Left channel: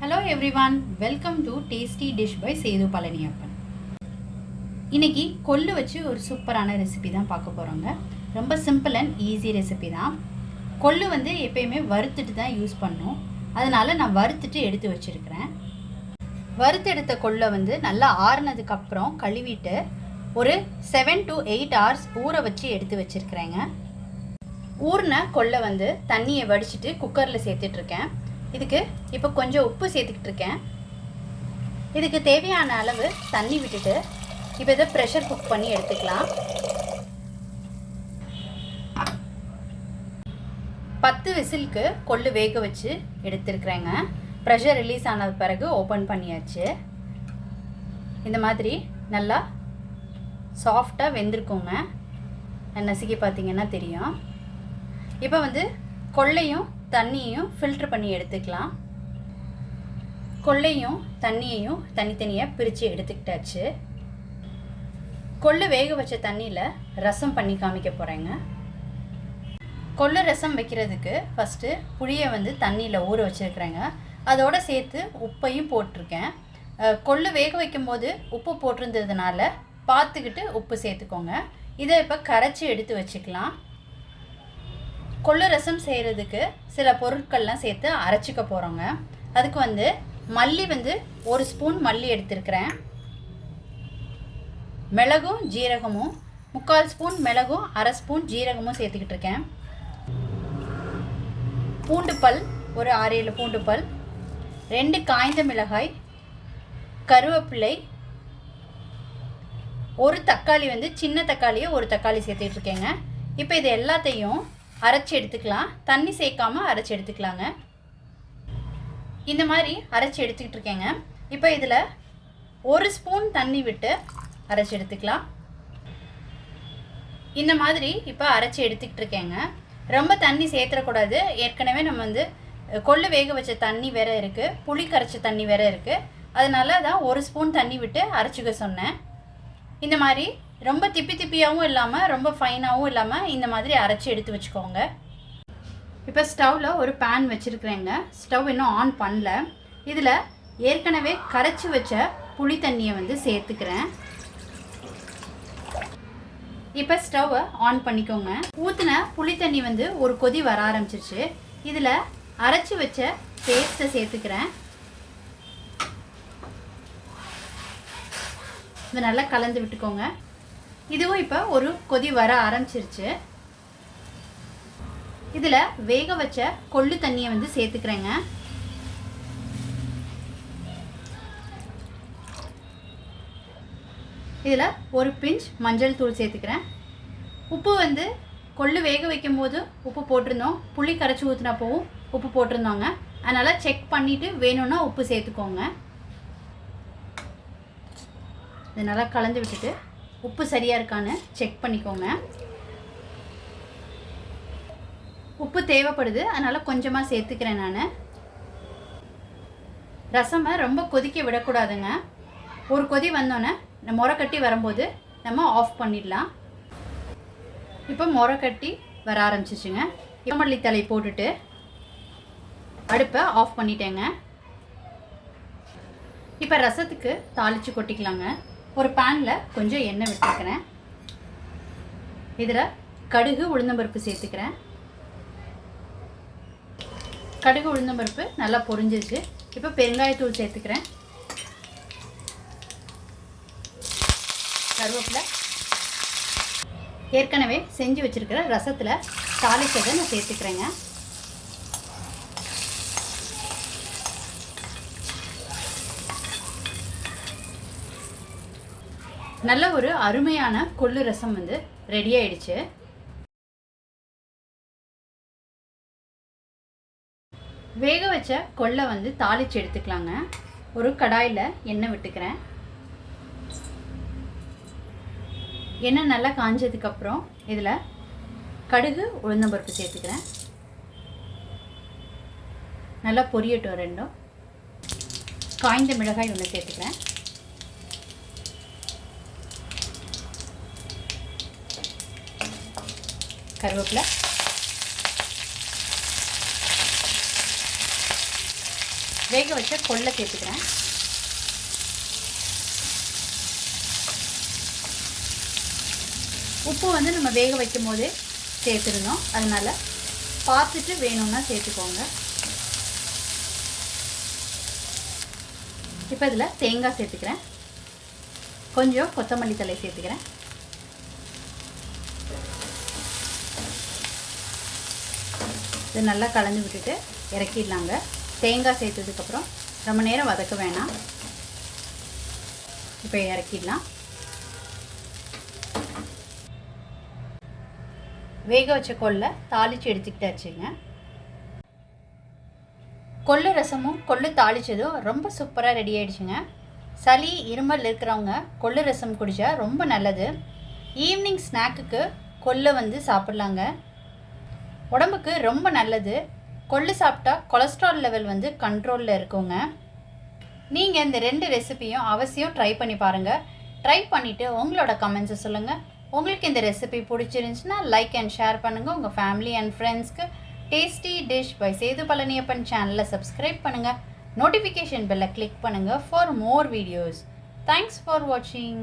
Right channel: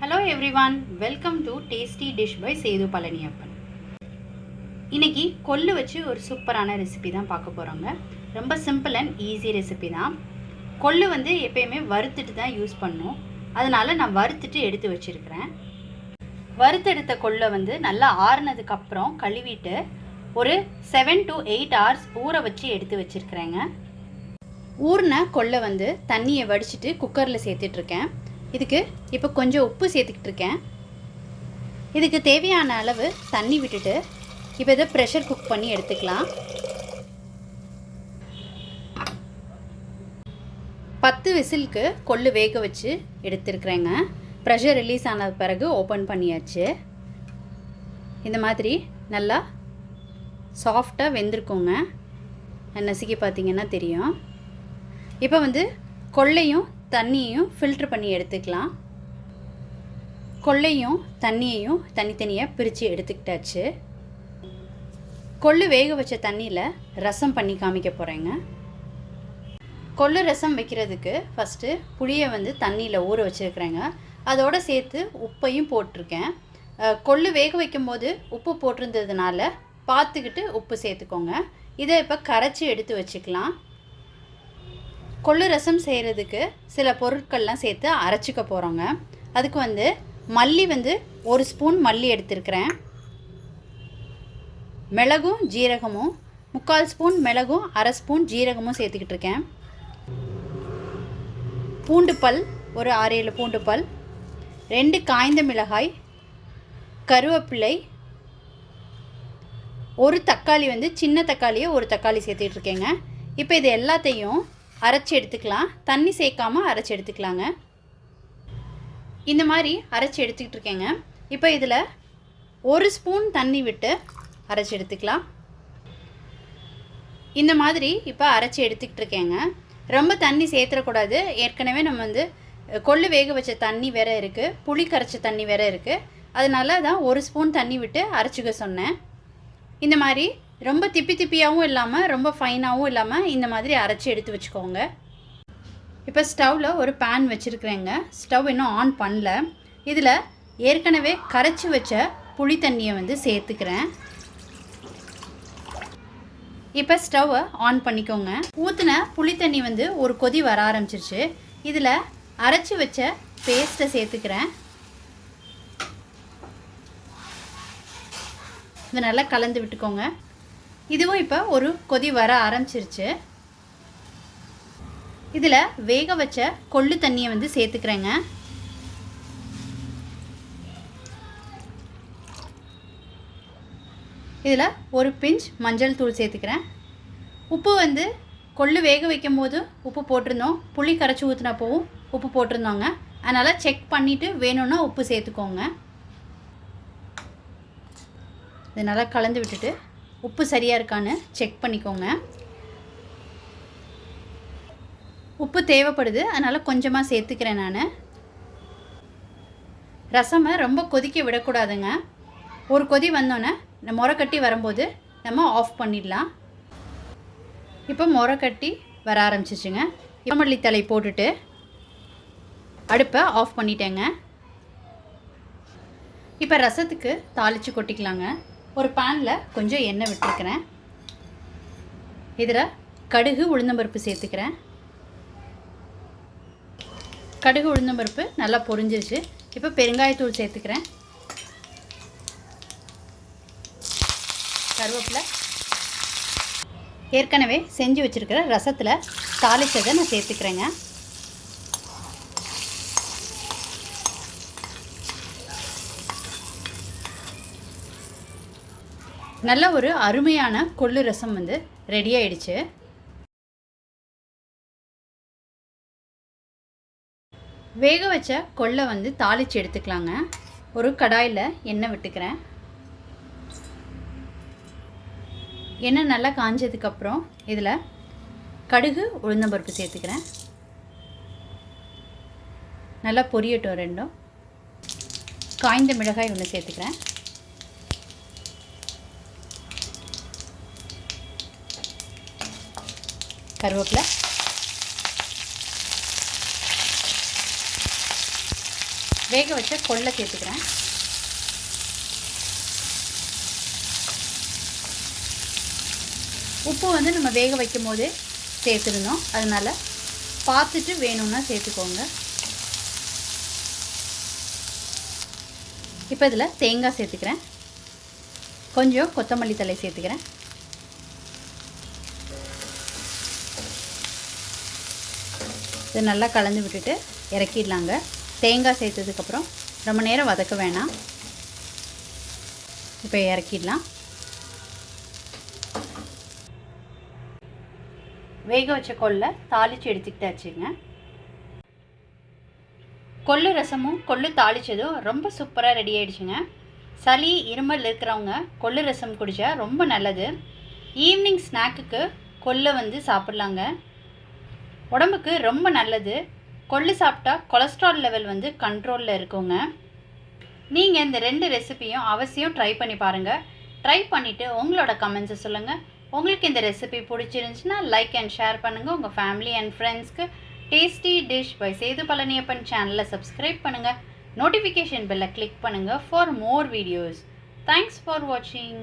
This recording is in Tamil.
Hello everyone welcome to tasty dish by Sethu Palaniappan இன்னைக்கு கொள்ளு வச்சு ஒரு சூப்பரான ரெசிபி தான் பார்க்க போகிறோங்க ரொம்ப சிம்பிள் அண்ட் ஈஸி ரெசிபி தான். கொள்ளு வந்து எப்பயுமே வறுத்துட்டு தான் யூஸ் பண்ணும். அதனால் நான் வறுத்துட்டு எடுத்து வச்சுருக்கிறேன். வறுத்தெடுத்த கொள்ளை வந்து நல்லா ஆறுனதுக்கு அப்புறம் கழுவிட்டு ஒரு செவன் டு எயிட் ஹவர்ஸ் ஊற வச்சு எடுத்து வச்சுருக்கிறேங்க. ஊறின கொள்ளை வந்து தண்ணியை வடிச்சிட்டு குக்கரில் சேர்த்துட்ருக்கேன் இதுக்கு இப்போ கொஞ்சம் உப்பு சேர்த்துக்கிட்டு இருக்கேன் இதுக்கு தேவையான அளவு தண்ணி விட்டுட்டு இப்போ இதை ப்ரெஷர் குக் பண்ணி எடுத்துக்கலாம். பத்து விசிலுக்கு கொள்ளு வேக வச்சு எடுத்துருக்குறேங்க. ப்ரெஷர் ரிலீஸ் ஆன பிறகு ஓப்பன் பண்ணியாச்சு. இந்த மாதிரி நல்லா சாஃப்டாக வெந்திருக்குங்க. நசுக்கி பார்த்தீங்கன்னா தெரியும். இப்போ வந்து கொள்ளையும் தண்ணியையும் ஃபில்ட்ரு பண்ணி எடுத்துக்கலாம். கொள்ளையும் தண்ணியையும் தனித்தனியாக பிரித்து எடுத்துக்கிட்டாச்சு. கொள்ளு வேக வச்ச தண்ணியில் ரசம் பண்ணி காமிக்க போகிறேங்க கொள்ளு ரசம் வைக்கிறதுக்கு ஃபஸ்ட்டு புளியை வந்து தண்ணியில் ஊற வச்சுருக்குறேங்க. அதோடு சேர்த்து உப்பையும் போட்டிருக்கேன். கொள்ளு வேக வைக்கும்போது உப்பு போட்டிருந்ததுனால பார்த்துக்கிட்டு உப்பு சேர்த்துக்கோங்க. இதை இப்போ கரைச்சி எடுத்து வச்சுக்கலாம். கொள்ளு ரசம் செய்கிறதுக்கு சில பொருட்கள்லாம் சேர்த்து அரைச்சிக்க போகிறோங்க அதுக்கு வந்து மல்லி வந்து ஒரு ஸ்பூன் மல்லி எடுத்திருக்கிறேன். மிளகும் ஜீரகமும் முக்கால் ஸ்பூன் மிளகும் அரை ஸ்பூன் ஜீரகமும் சேர்த்துக்கிட்டு இருக்கேன். பூண்டு பல் ஒரு ஆறு ஏழு பூண்டு பல் ரெண்டு காய்ந்த மிளகாய் கருவேப்பிலை ஒரு தக்காளி வந்து சின்ன தக்காளியை ஒரு தக்காளி சேர்த்துக்கிட்டு இருக்கேங்க. இப்போ இது எல்லாத்தையும் அரைச்சி எடுத்துக்கலாம். தண்ணி சேர்க்காமல் அரைச்சி எடுத்துக்கலாங்க. இந்த மாதிரி அரைச்சி எடுத்துக்கிட்டு இருக்கேங்க. இப்போ இதில் ஒரு ஸ்பூன் தண்ணி விட்டு அரைச்சி எடுத்துக்கலாம். இந்த மாதிரி இப்போ அரைச்சி எடுத்துக்கிட்டு இருக்கேங்க. ரொம்ப தண்ணி சேர்த்துடக்கூடாது. ஏற்கனவே நம்ம வந்து கொள்ளு வேக வச்ச தண்ணி வேற இருக்குது புளி கரைச்ச தண்ணி வேற இருக்குது அதனால தான் ஒரு ஸ்பூன் தண்ணி விட்டு அரைச்சிக்க சொன்னேன். இந்த மாதிரி ரொம்ப திப்பி திப்பியாகவும் இல்லாமல் ரொம்ப ஃபைனாகவும் இல்லாமல் இந்த மாதிரி அரைச்சி எடுத்து வச்சுக்கோங்க. இப்போ ஸ்டவ்வில் ஒரு பேன் வச்சுருக்குறேங்க. ஸ்டவ் இன்னும் ஆன் பண்ணல. இதில் ஏற்கனவே கரைச்சி வச்ச புளி தண்ணியை வந்து சேர்த்துக்கிறேன். இப்போ ஸ்டவ்வை ஆன் பண்ணிக்கோங்க. ஊற்றின புளி தண்ணி வந்து ஒரு கொதி வர ஆரம்பிச்சிருச்சு. இதில் அரைச்சி வச்ச பேஸ்ட்டை சேர்த்துக்கிறேன். இது நல்லா கலந்து விட்டுக்கோங்க. இதுவும் இப்போ ஒரு கொதி வர ஆரம்பிச்சிருச்சு. இதில் வேக வச்ச கொள்ளு தண்ணியை வந்து சேர்த்துக்கிறேங்க. இதில் ஒரு பிஞ்ச் மஞ்சள் தூள் சேர்த்துக்கிறேன். உப்பு வந்து கொள்ளு வேக வைக்கும் போது உப்பு போட்டிருந்தோம். புளி கரைச்சி ஊற்றினப்போவும் உப்பு போட்டிருந்தோங்க. அதனால் செக் பண்ணிவிட்டு வேணும்னா உப்பு சேர்த்துக்கோங்க. இது நல்லா கலந்து விட்டுட்டு உப்பு சரியாக இருக்கான்னு செக் பண்ணிக்கோங்க. உப்பு தேவைப்படுது அதனால் கொஞ்சமாக சேர்த்துக்கிறேன் நான். ரசமை ரொம்ப கொதிக்க விடக்கூடாதுங்க. ஒரு கொதி வந்தோன்னே இந்த முறை கட்டி வரும்போது நம்ம ஆஃப் பண்ணிடலாம். இப்போ முறை கட்டி வர ஆரம்பிச்சிச்சுங்க. மல்லி தலை போட்டுட்டு அடுப்பை ஆஃப் பண்ணிட்டேங்க. இப்போ ரசத்துக்கு தாளித்து கொட்டிக்கலாங்க. ஒரு பேனில் கொஞ்சம் எண்ணெய் விட்டுருக்கிறேன். இதில் கடுகு உளுந்தம்பருப்பு சேர்த்துக்கிறேன். கடுகு உளுந்தம்பருப்பு நல்லா பொரிஞ்சிருச்சு. இப்போ பெருங்காயத்தூள் சேர்த்துக்கிறேன். கருவேப்பிலை. ஏற்கனவே செஞ்சு வச்சுருக்கிற ரசத்தில் தாளிச்சதை நான் சேர்த்துக்கிறேங்க. நல்ல ஒரு அருமையான கொள்ளு ரசம் வந்து ரெடி ஆயிடுச்சு. வேக வச்ச கொள்ளை வந்து தாளித்து எடுத்துக்கலாங்க. ஒரு கடாயில் எண்ணெய் விட்டுக்கிறேன். எண்ணெய் நல்லா காஞ்சதுக்கப்புறம் இதில் கடுகு உளுந்தம்பருப்பு சேர்த்துக்கிறேன். நல்லா பொரியட்டும் ரெண்டும். காய்ந்த மிளகாய் ஒன்று சேர்த்துக்கிறேன். கருவேப்பிலை. வேக வச்ச கொள்ளை சேர்த்துக்கிறேன். உப்பு வந்து நம்ம வேக வைக்கும் போதே சேர்த்துருந்தோம் அதனால் பார்த்துட்டு வேணும்னா சேர்த்துக்கோங்க. இப்போ இதில் தேங்காய் சேர்த்துக்கிறேன். கொஞ்சம் கொத்தமல்லி தலை சேர்த்துக்கிறேன். இது நல்லா கலந்து விட்டுட்டு இறக்கிடலாங்க. தேங்காய் சேர்த்ததுக்கப்புறம் ரொம்ப நேரம் வதக்க வேணாம். இப்போ இறக்கிடலாம். வேக வச்ச கொல்லை தாளித்து எடுத்துக்கிட்டாச்சுங்க. கொள்ளு ரசமும் கொள்ளு தாளித்ததும் ரொம்ப சூப்பராக ரெடி ஆகிடுச்சுங்க சளி இருமல் இருக்கிறவங்க கொள்ளு ரசம் குடித்தா ரொம்ப நல்லது. ஈவினிங் ஸ்நாக்குக்கு கொள்ளை வந்து சாப்பிட்லாங்க. உடம்புக்கு ரொம்ப நல்லது. கொள்ளு சாப்பிட்டா கொலஸ்ட்ரால் லெவல் வந்து கண்ட்ரோலில் இருக்குங்க. நீங்கள் இந்த ரெண்டு ரெசிபியும் அவசியம் ட்ரை பண்ணி பாருங்கள் ட்ரை பண்ணிவிட்டு உங்களோட கமெண்ட்ஸை சொல்லுங்கள் உங்களுக்கு இந்த ரெசிபி பிடிச்சிருந்துச்சுன்னா லைக் அண்ட் ஷேர் பண்ணுங்கள் உங்கள் ஃபேமிலி அண்ட் ஃப்ரெண்ட்ஸ்க்கு tasty dish by Sethu Palaniappan சேனலை சப்ஸ்கிரைப் பண்ணுங்கள் நோட்டிஃபிகேஷன் பெல்லை கிளிக் பண்ணுங்கள் for more videos thanks for வாட்சிங்